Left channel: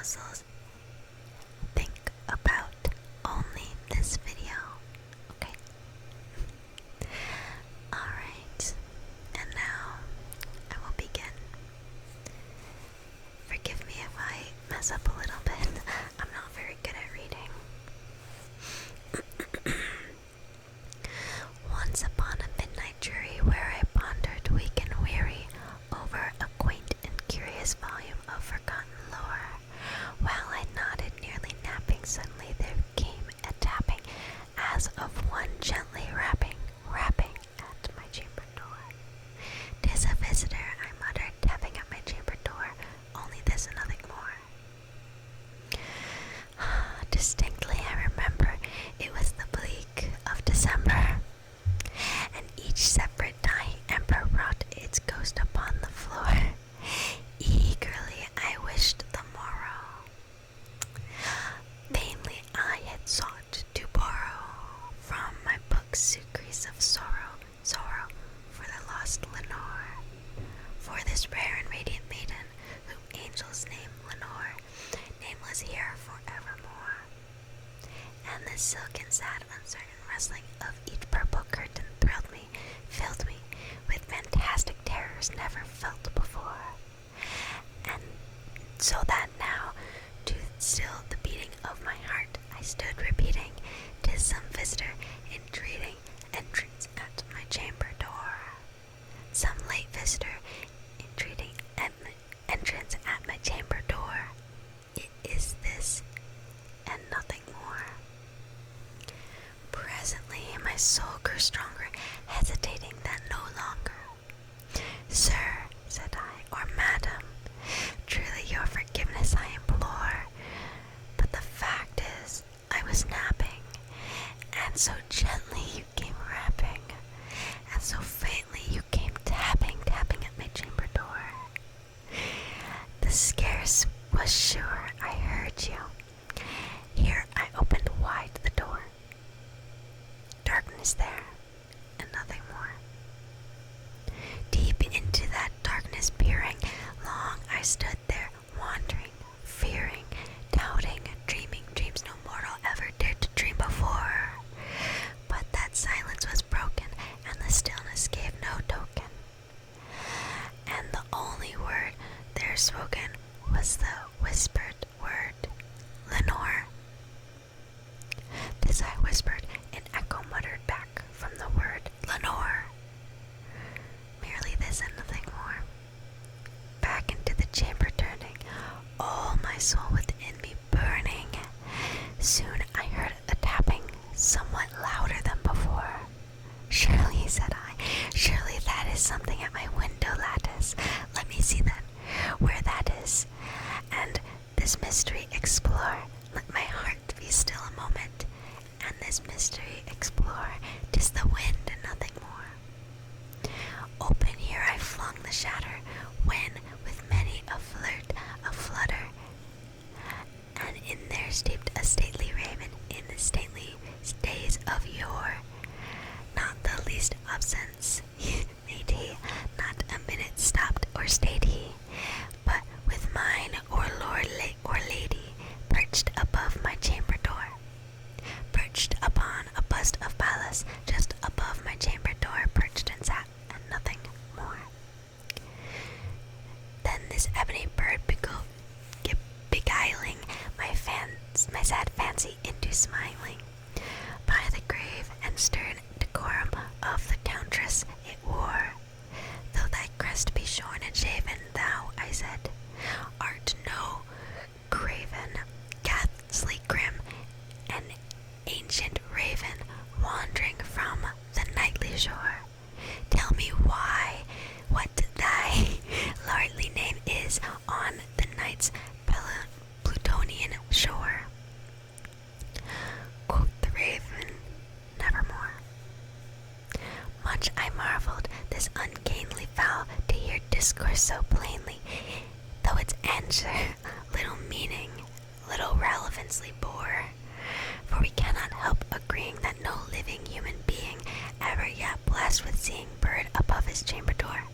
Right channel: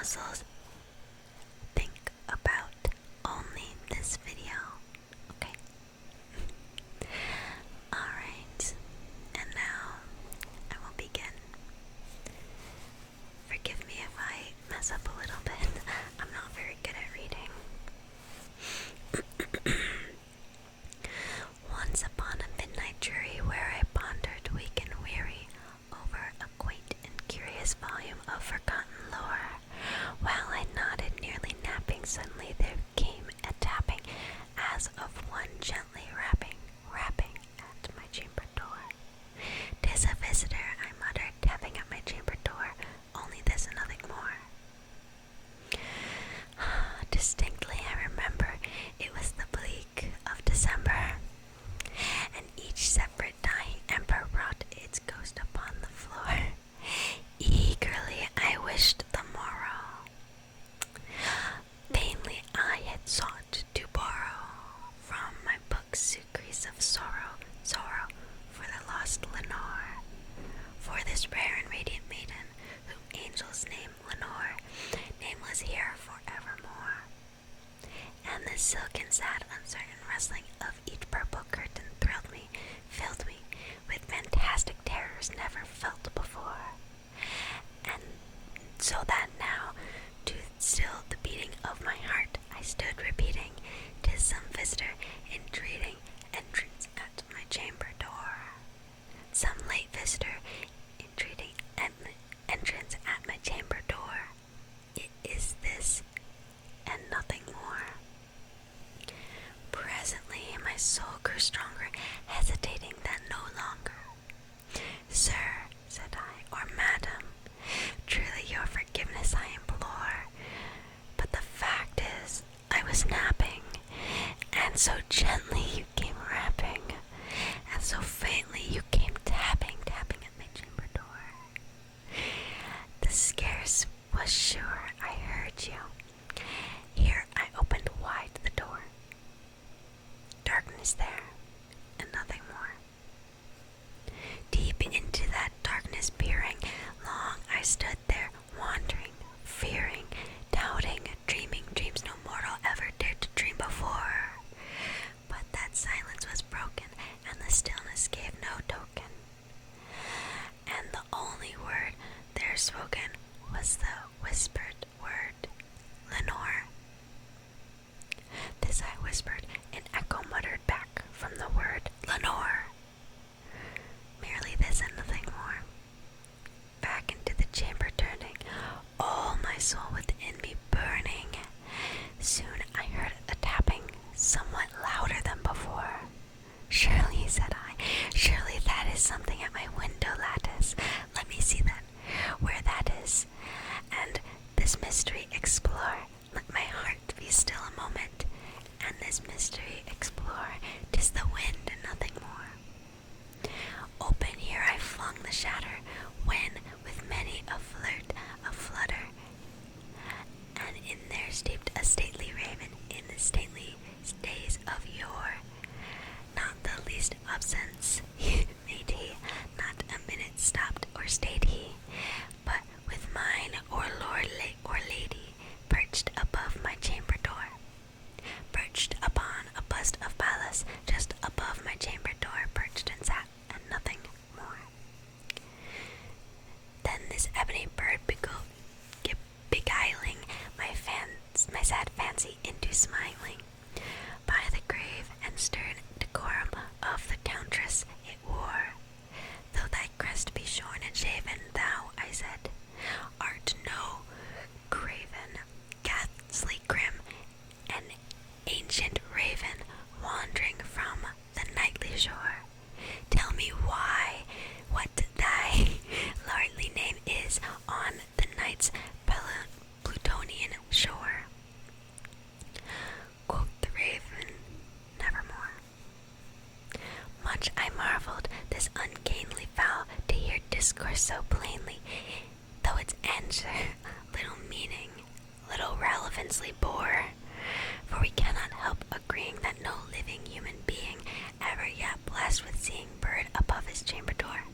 muscles. Think about only this video, okay? Alright, and now I will begin. Forgive me if I mess up a little bit. I'm not very good at reading. Once upon a midnight jury where I pondered weak and weary over a quaint and curious volume of forgotten lore, while I nodded nearly napping, suddenly there came a tapping as of one gently rapping at my chamber door. "'Tis a visitor," I muttered, tapping at my chamber door, "only this and nothing more." Distinctly I remember it was the bleak of December, and each separate dying ember wrought its ghost upon the floor. Eagerly I wished the morrow. Vainly I had sought to borrow from my book's secrets of sorrow for the lost Lenore, for this rare and radiant maiden, whom angels name Lenore, nameless here forevermore. And the silken, sad, uncertain rustling of each purple curtain thrilled me, filled me with fantastic terrors never felt before. And so that now, to still the beating of my heart, I stood repeating, "'Tis some visitor entreating entrance at my chamber door." Some late visitor entreating entrance at my chamber door. It is this and nothing more. Presently my soul grew stronger, hesitating that no longer. "Sir," said I, "or madam, truly your forgiveness I implore, but the fact is I was napping, and so gently you came rapping, and so faintly you came tapping at my chamber door. The scarce was sure I heard you. Here I opened wide the door. Darkness there, and nothing more. Deep into that darkness peering, long I stood there, wandering, fearing, doubting, dreaming dreams no mortal ever dared to dream before. But that silence was broken, and the stillness gave no token. And the only word there spoken was the whispered word, Lenore. This I whispered, an echo muttered back from the word Lenore. Merely this and nothing more. Back into the chamber turning, all my soul within me burning. Soon I heard a tapping, somewhat louder than before. "Surely," said I, "surely that is something at my window lattice. Let me see then where that is, and this mystery explore. Let my heart be still a moment, and this mystery explore. 'Tis the wind and nothing more." Open here I flung the shatter, when with many a flutter, and in there steeped a stately raven in the stately days of yore. Not the least absence made he, not a minute stopped or stayed he, but with mine or lord or lady perched above my chamber door, perched upon a bust of Pallas, just above my chamber door perched and sat, and nothing more. Then this ebony bird beguiling my sad fancy into smiling, by the grave and stern decorum of the countess it wore. "Though thy crest be shorn and shaven, thou," I said, "art no craven, ghastly grim, an ancient raven, wandering from the nightly shore. Tell me what thy lordly name is on the night's Plutonian shore." Quoth the raven, "Nevermore." Much I marveled this ungainly fowl to hear discourse so plainly, though its answer little meaning, little relevancy bore. For we cannot help agreeing that no living human being ever yet blessed with seeing bird above his chamber door,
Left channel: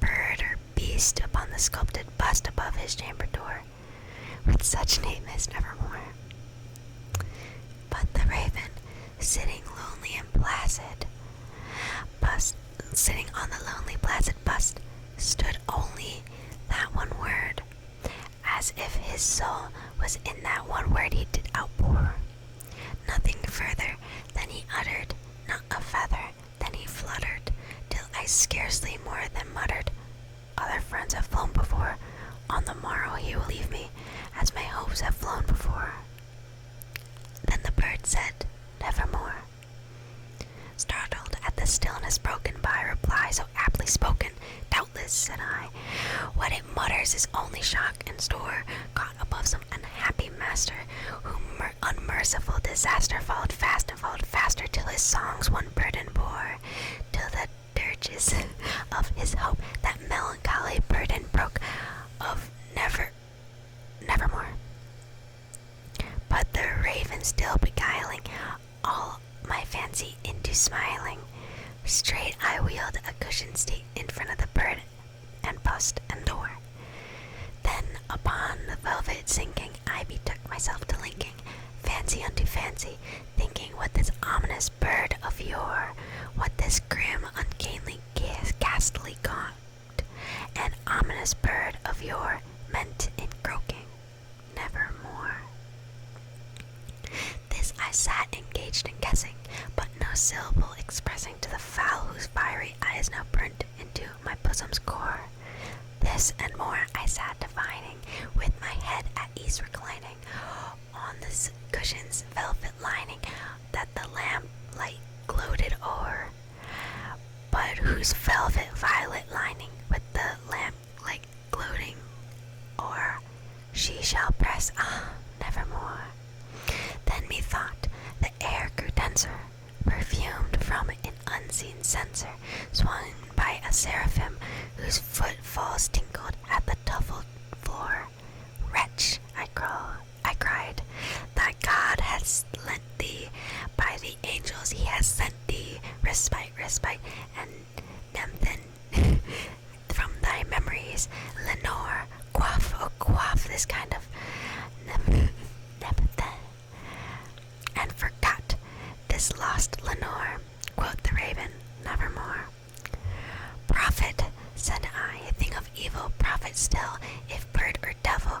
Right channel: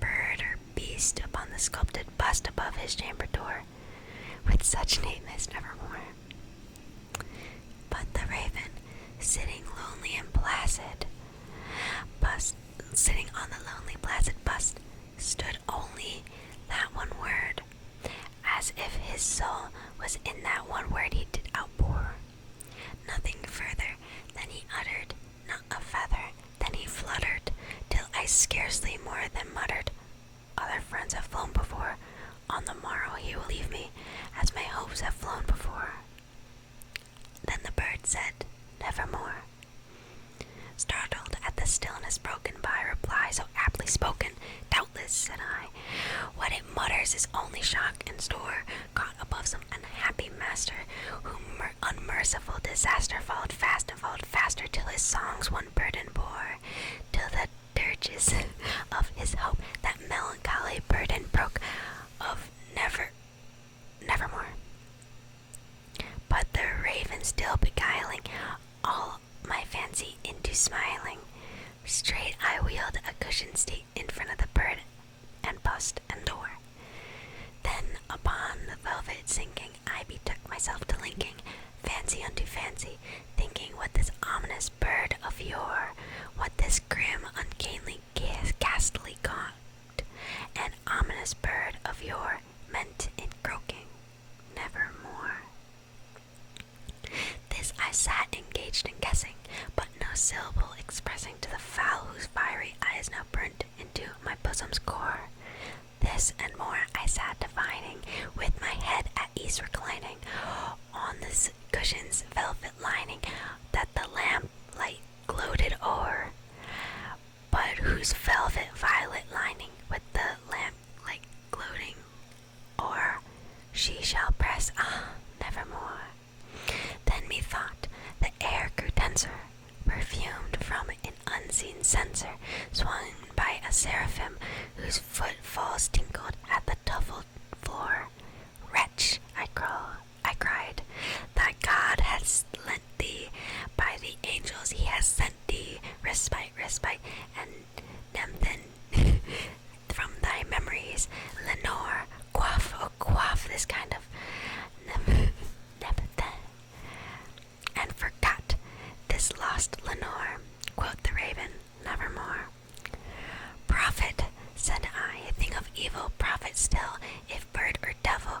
bird or beast upon the sculpted bust above his chamber door, with such name as nevermore. But the raven, sitting lonely and placid, sitting on the lonely placid bust, stood only that one word, as if his soul was in that one word he did outpour. Nothing further than he uttered, not a feather than he fluttered, till I scarcely more than muttered, other friends have flown before, on the morrow he will leave me, as my hopes have flown before. Then the bird said, nevermore. Startled at the stillness broken by a reply so aptly spoken, doubtless, said I, what it mutters is only shock and store, caught above some unhappy master, whom unmerciful disaster followed fast and followed faster, till his songs one burden bore, till the dirges of his hope that melancholy burden broke of nevermore. But the raven still beguiling all my fancy into smiling, straight I wheeled a cushioned seat in front of the bird and bust and door. Then upon the velvet sinking, I betook myself to linking fancy unto fancy, thinking what this ominous bird of yore, what this grim, ungainly, ghastly gaunt, and ominous bird of yore meant in croaking nevermore. This I sat engaged in guessing, but no syllable expressing to the fowl whose fiery eyes now burnt into my bosom's core. This and more I sat divining, with my head at ease reclining on this cushion's velvet lining, that the lamplight gloated o'er, but whose velvet violet lining with the lamplight gloating o'er she shall press, nevermore. Then methought the air grew denser, perfumed from an unseen censer, swung by a seraphim whose footfalls tinkled at the tuffled floor. Wretch, I cried, thy God has lent thee, by the angels he has sent thee, respite, and Nemthen from thy memories, Lenore, quaff this kind of Nemthen, and forgot this lost Lenore, quoth the raven, nevermore. Prophet, said I, a thing of evil, prophet still, if bird or devil,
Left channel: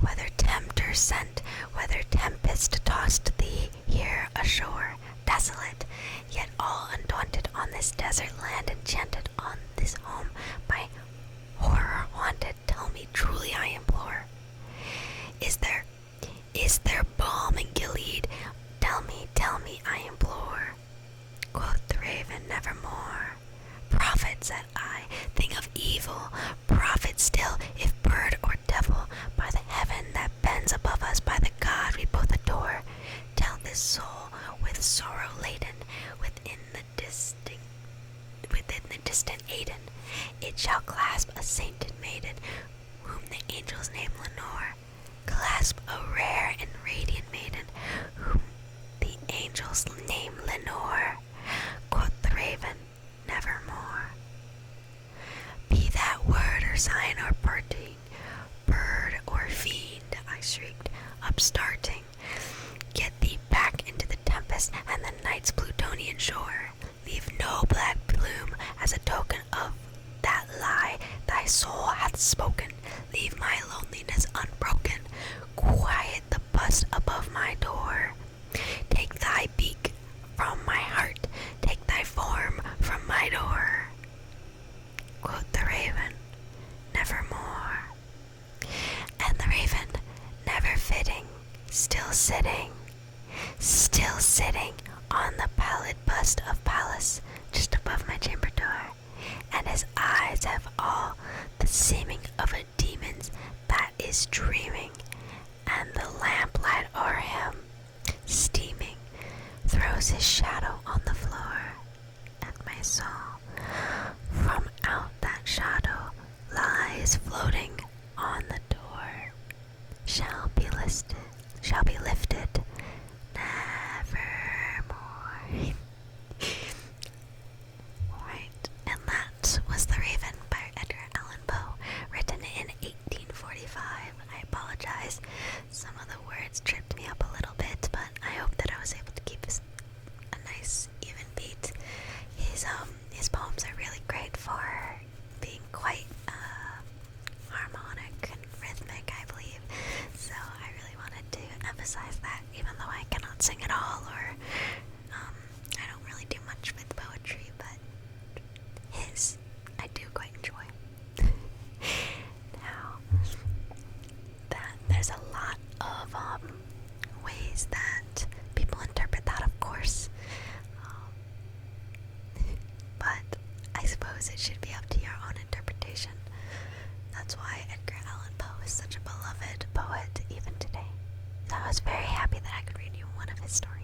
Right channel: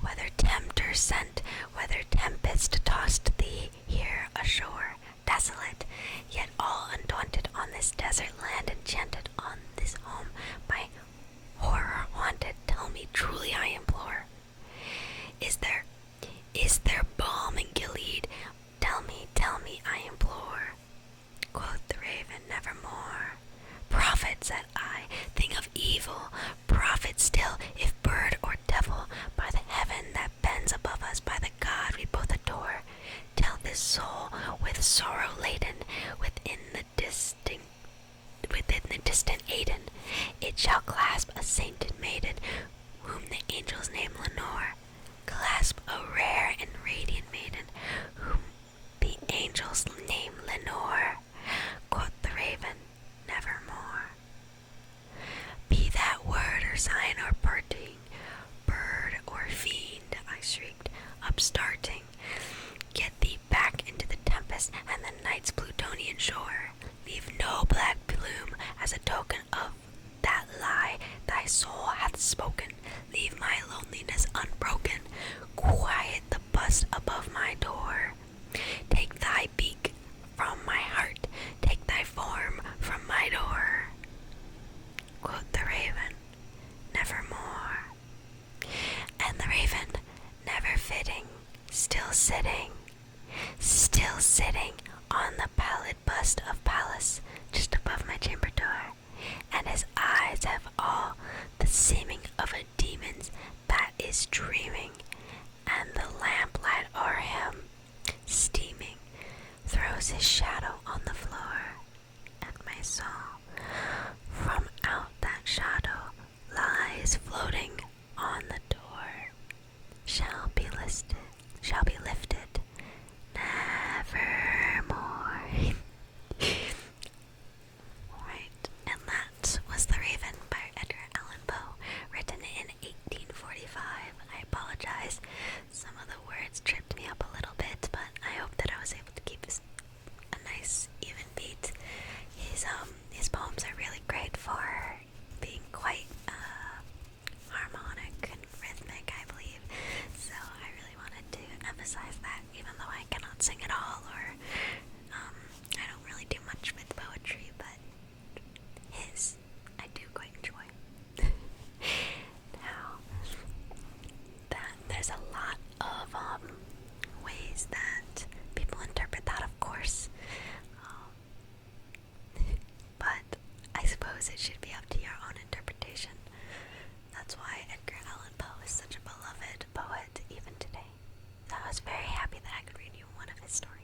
whether tempter sent, whether tempest tossed thee here ashore, desolate, yet all undaunted on this desert land, enchanted on this home by horror haunted, tell me truly I implore, is there balm in Gilead? Tell me, I implore. Quoth the raven, nevermore. Prophet, said I, thing of evil, prophet still, if bird or devil, by the heaven that bends above us, by the God we both adore, tell this soul with sorrow laden, within the distant Aden, it shall clasp a sainted maiden, whom the angels name Lenore, clasp a rare and radiant maiden, whom the angels name Lenore, quoth the raven, nevermore. Be that word or sign or parting, bird or fiend, I shrieked, upstarting, get thee back into the tempest and the night's Plutonian shore. Leave no black plume as a token of that lie thy soul hath spoken. Leave my loneliness unbroken. Quiet the bust above my door. Take thy beak from my heart. Take thy form from my door. Quoth the raven, nevermore. And the raven, never fitting, still sitting on the pallid bust of Pallas, just above my chamber door, and his eyes have all the seeming of a demon's that is dreaming, and the lamplight o'er him, steaming, throws his shadow on the floor, and my soul from out that shadow lies floating on the door, shall be lifted nevermore. Right, and that was The Raven by Edgar Allan Poe, written in 1845. I apologize apologize. Some of the words tripped me up a little bit, but I hope that I was able to keep a nice even beat. His poems are really great for being quite harmonic and rhythmic, I believe. So I really wanted to emphasize that, even though I cannot sing at all, or I don't really do much with poetry, but his I do quite enjoy. Now, there's a lot of ways that people interpret that, of course. But I suppose it should be up to your own interpretation. That's why Edgar Allan Poe is such a beloved poet even today. So I was very happy that I could read you one of his stories.